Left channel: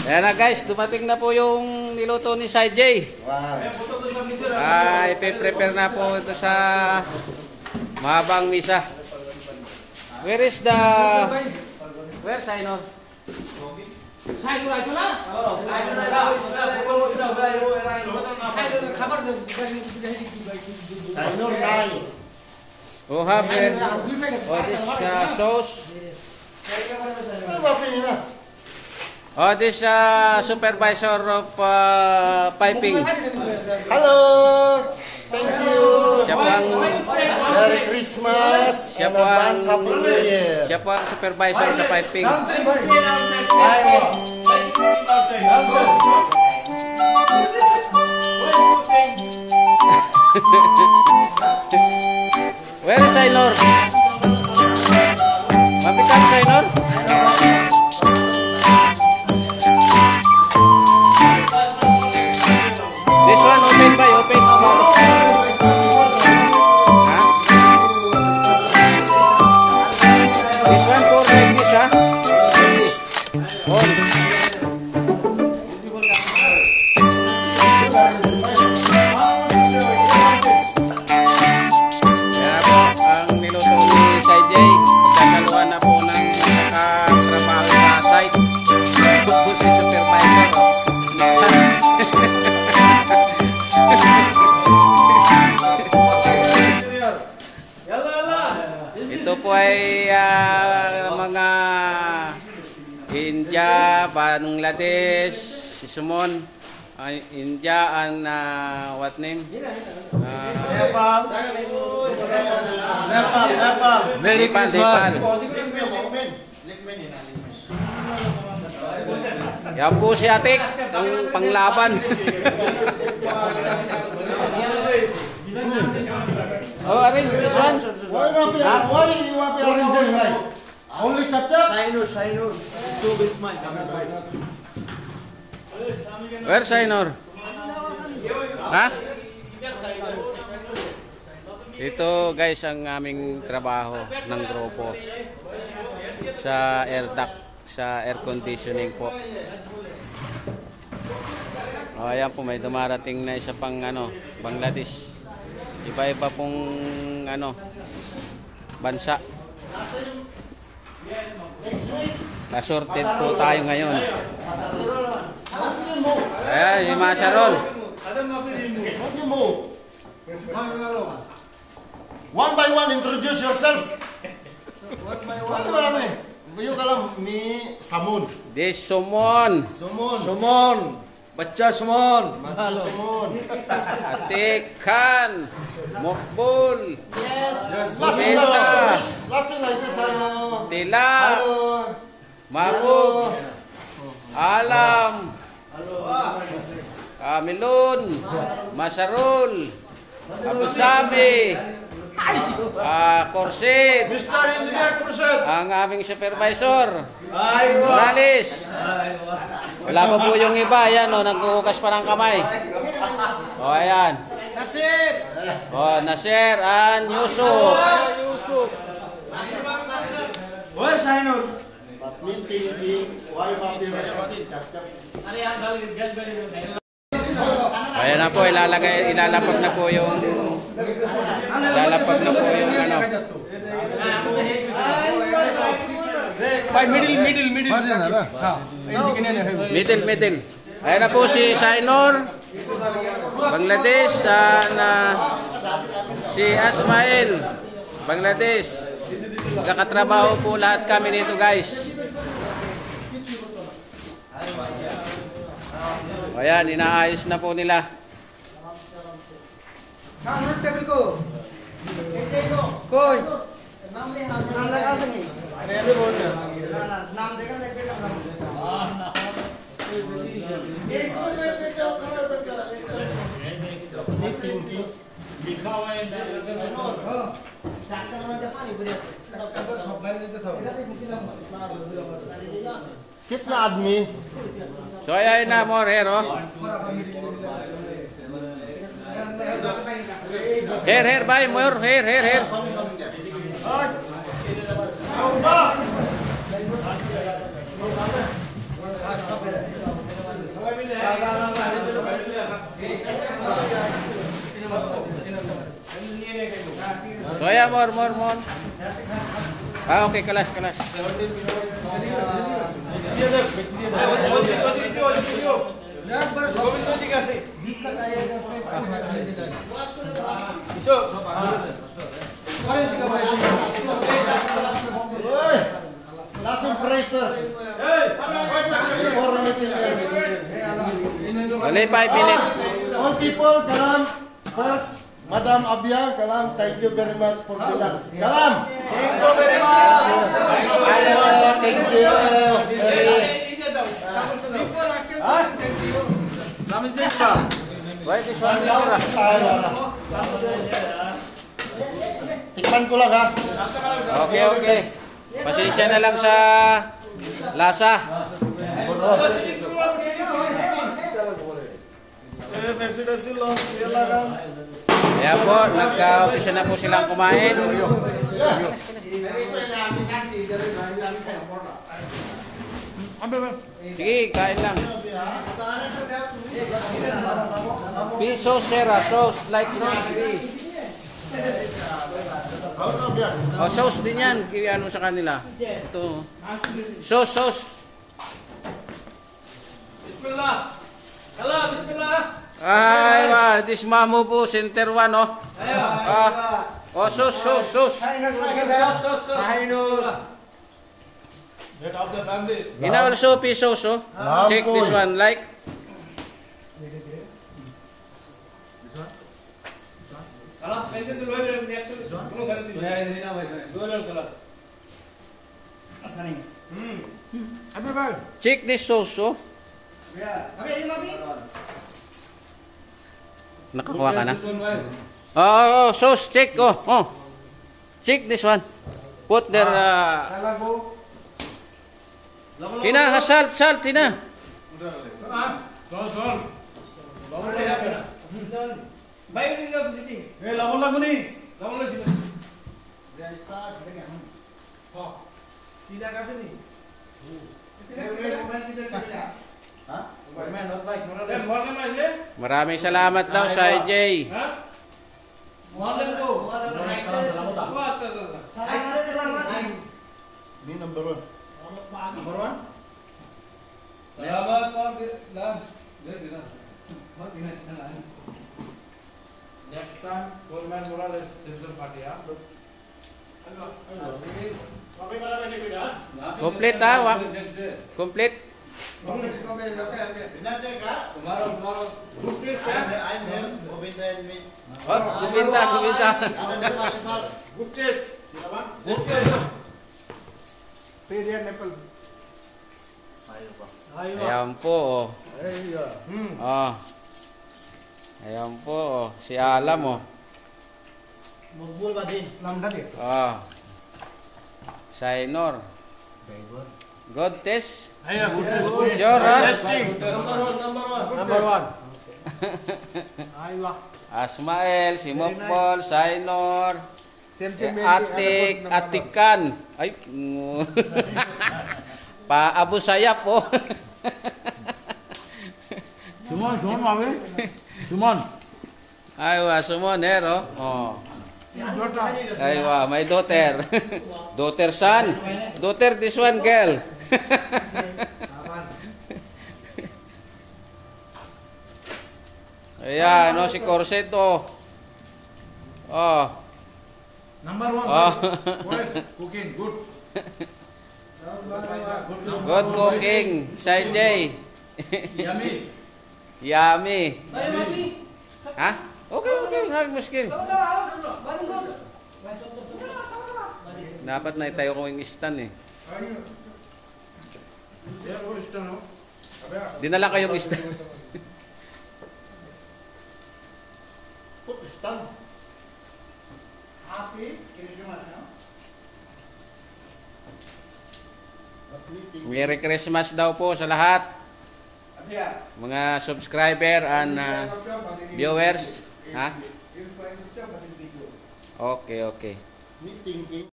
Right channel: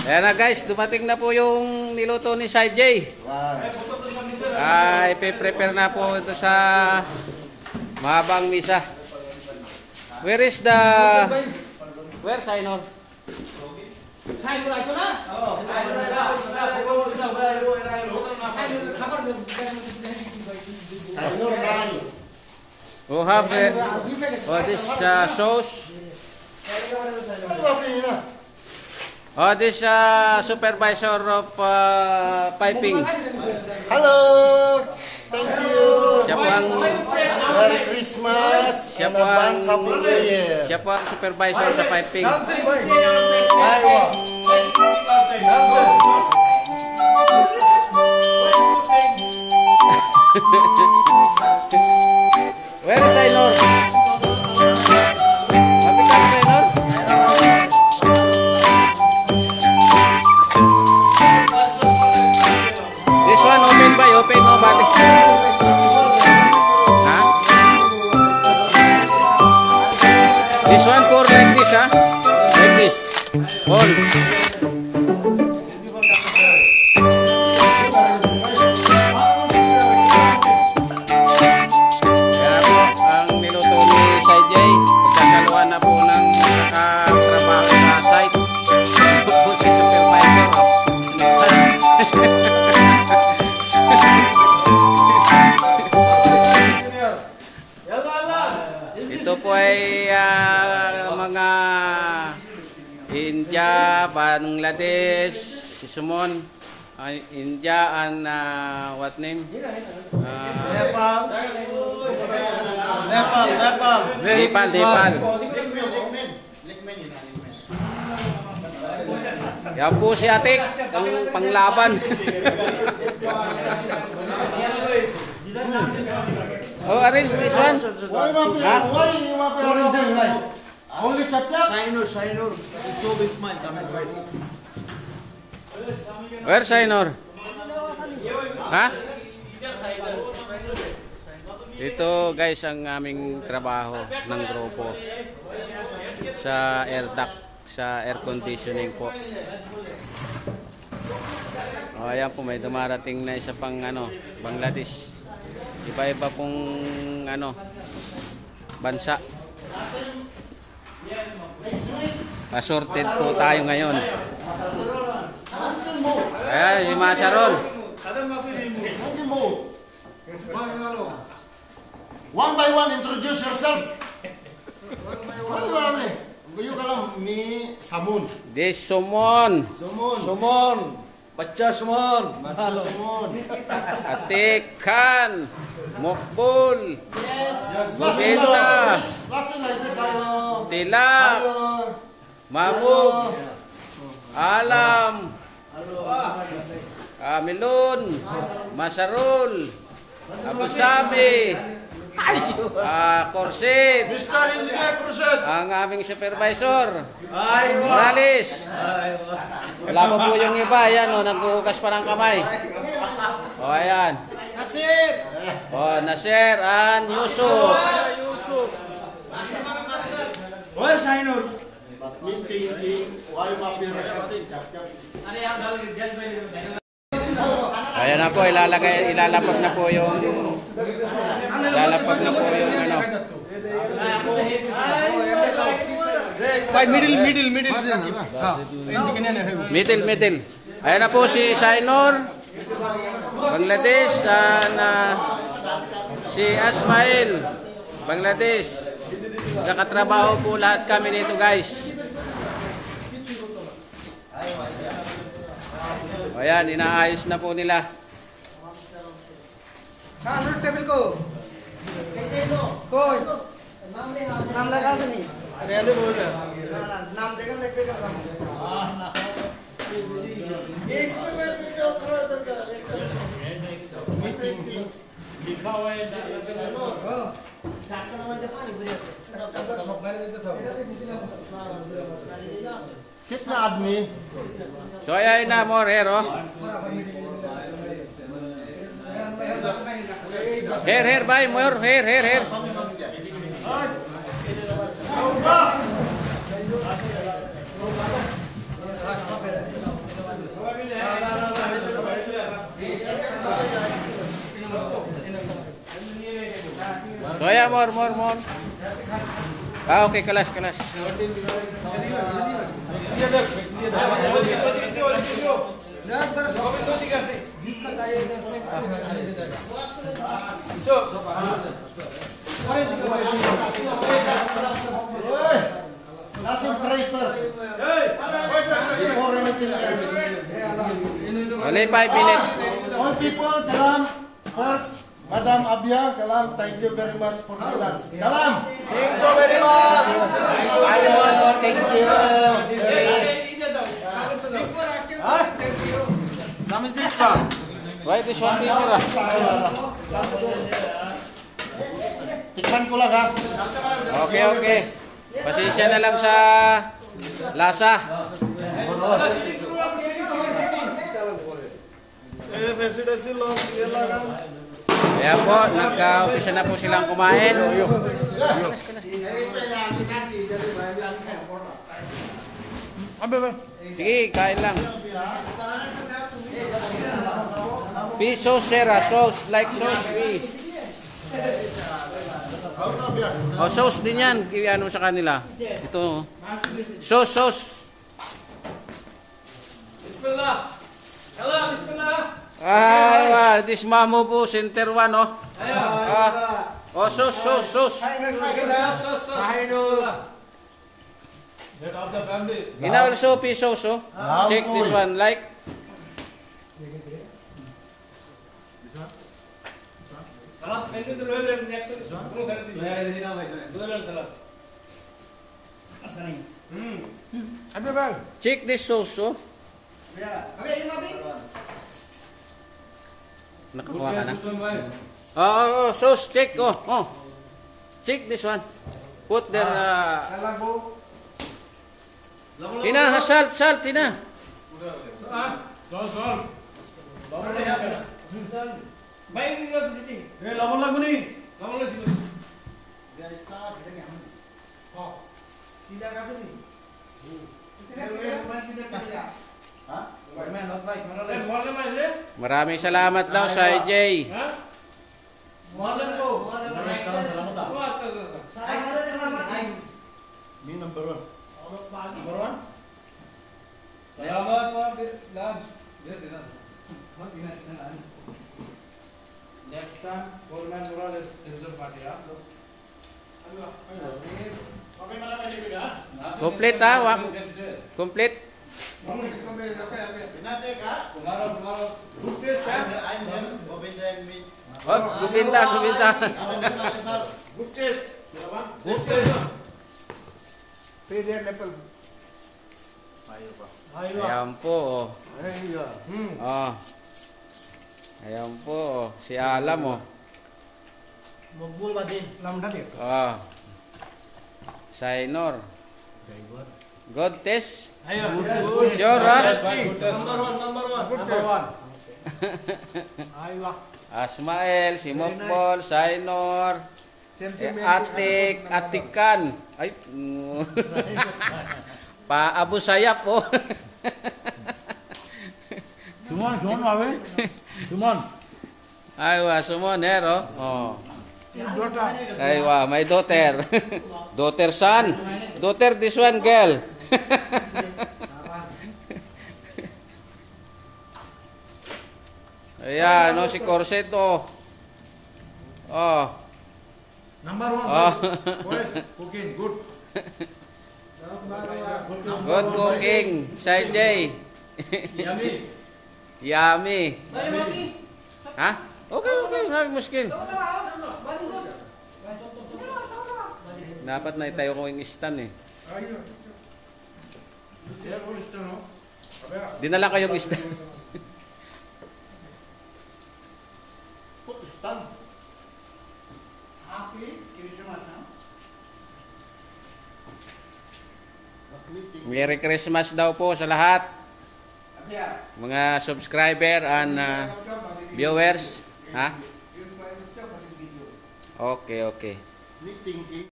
Ayan na guys, dumating na po yung niluto ni Sai J. Ipe-prepare na po ito sa mahabang misa. Where is the... Where, Sainor? Sainor, ito na? Oh, have it. Oh, this sauce. Oh, this supervisor of piping. Hello, thank you. Siya po ang Merry Christmas and advance Happy New Year. Siya po ang supervisor sa piping. Where is Sainor? Mapitan Sainor? This one open by open This one for like this, huh? Like this. Kaya po, ang niluto ni Sai J, pagkakaluan na po ng nakatrabaho sa site. Po si supervisor. Ito po ay mga India, Bangladesh, si Sumon, India and what name? Nepal. Yan po si Atik, ang panglaban. Oh, arrange this one. Why you want to arrange like? Only chapter? Sainor. So this man coming. Where Sainor? Ha? Ito guys ang aming trabaho ng grupo sa air duct, sa air conditioning po. O ayan po, may dumarating na isa pang Bangladesh. Iba-iba pong bansa. Assorted po tayo ngayon. Ayan, yung mga Sharon. One by one, introduce yourself. Yung kalam ni Samun. This Sumon. Bacha Sumon. Atik Khan. Mokbul. Listen like this, I know. Tila. Mahbub. Alam. Kamilun. Masarul. Abu Sabi. Korsid. Mr. Engineer Korsid. Ang aming supervisor. Morales. Wala pa po yung iba. Ayan, naghuhugas pa ng kamay. O, ayan. Nasir. O, Nasir and Yusuf. Where's Sainor? Ayan na po, ilalapag na po yung middle. Ayan na po si Sainor, Bangladesh, si Asmail, Bangladesh. Magkakatrabaho po lahat kami dito guys. Ayan, inaayos na po nila. Kitna admi? So ayan na more here, oh. Here, bye, more, here. Kaya more. Ah, okay, kalas. Last pray first. Before anything else. Only 5 minutes. All people, kalam. First, Madam Abia, kalam. Thank you very much for the lunch. Kalam. Thank you very much. Thank you. Why this one meter lah? Tikman ko lang ha. Okay. Pasensya na lang sa lasa. Kaya po, nagka-umpisa na po silang kumain. Sige, kain lang. Piso sera, sauce, like sauce, fish. Oh, sauce din yan. Ano sa kanila? Ito. Sauce. Bismillah. Hello, bismillah. Ay, this mamo po, center 1, oh. Oh, sauce. In also piso, so. Check this one, like. Salat, saya tu loyal yang next. Belum salat itu. Loyal salat. Asani. Check this sauce, oh. Nakakuha ka na? Oh, sauce, check, oh. Check this one. Put their, Tina, salt, Tina. Salt. Baik ni dah sitting. Lama ni sini. Tidak kasih ni. Maraming salamat daw sa AJ. Ni number 1. Selamat Pak. Next time, Coleman Morales Citizen Party ya. Complete ha? Complete. Tomorrow. Good taste ya. Oh, gubinta. Good taste. Ayan po, oh. Ayan po, si Alam, oh. Oh. Sainor. God test. Sure, ha? Number one. Asmael, si Mokbol, Sainor, Atikan. Ay, Pa Abu Sayyaf po. Sumon, mawe. Sumon. Aywa, Sumon, hero. Oh. Aywa, my daughter. Daughter son. Daughter this one girl. Ayan, no, si Corseto. Oh. Number 1. Oh. Cooking good. Good cooking, Side J. Yummy. Ha? Okay, nggak muskil. Dapat na itayo ko yung stand eh. Dinala kayong stand. Put stand. Merry Christmas daw po sa lahat. Mga subscriber and viewers. Ha? Okay.